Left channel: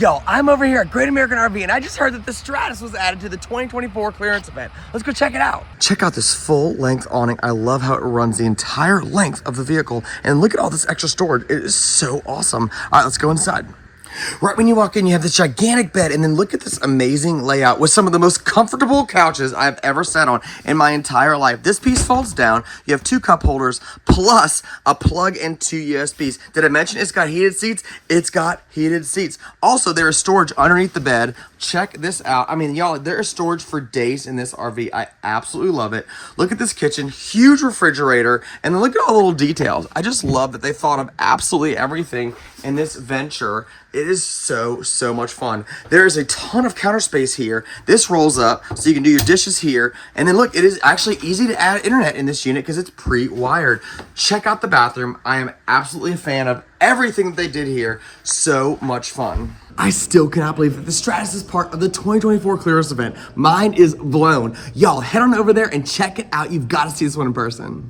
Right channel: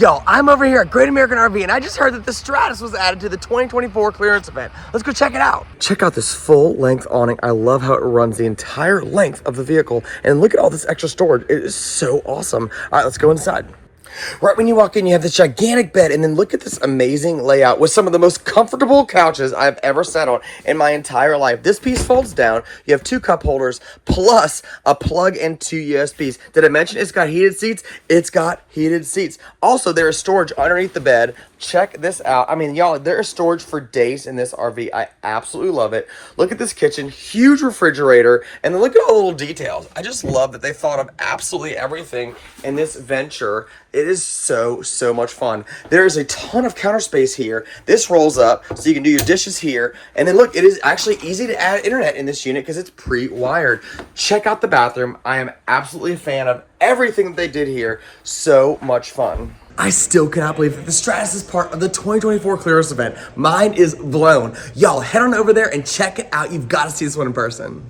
Yo, I'm over here at Great American RV and I just heard that the Stratus was added to the 2024 clearance event. Let's go check it out. Check out this full length awning. I love how it runs the entire length of the vehicle. And look at all this extra storage. It is so awesome. All right, let's go inside. Right when you walk in, you have this gigantic bed, and then look at this amazing layout with some of the most comfortable couches I've ever sat on in my entire life. This piece folds down. You have 2 cup holders plus a plug and 2 USBs. Did I mention it's got heated seats? It's got heated seats. Also, there is storage underneath the bed. Check this out. I mean, y'all, there is storage for days in this RV. I absolutely love it. Look at this kitchen, huge refrigerator, and then look at all the little details. I just love that they thought of absolutely everything in this Venture. It is so much fun. There is a ton of counter space here. This rolls up so you can do your dishes here. And then look, it is actually easy to add internet in this unit because it's pre-wired. Check out the bathroom. I am absolutely a fan of everything that they did here. So much fun. I still cannot believe that the Stratus is part of the 2024 clearance event. Mine is blown. Y'all head on over there and check it out. You've got to see this one in person.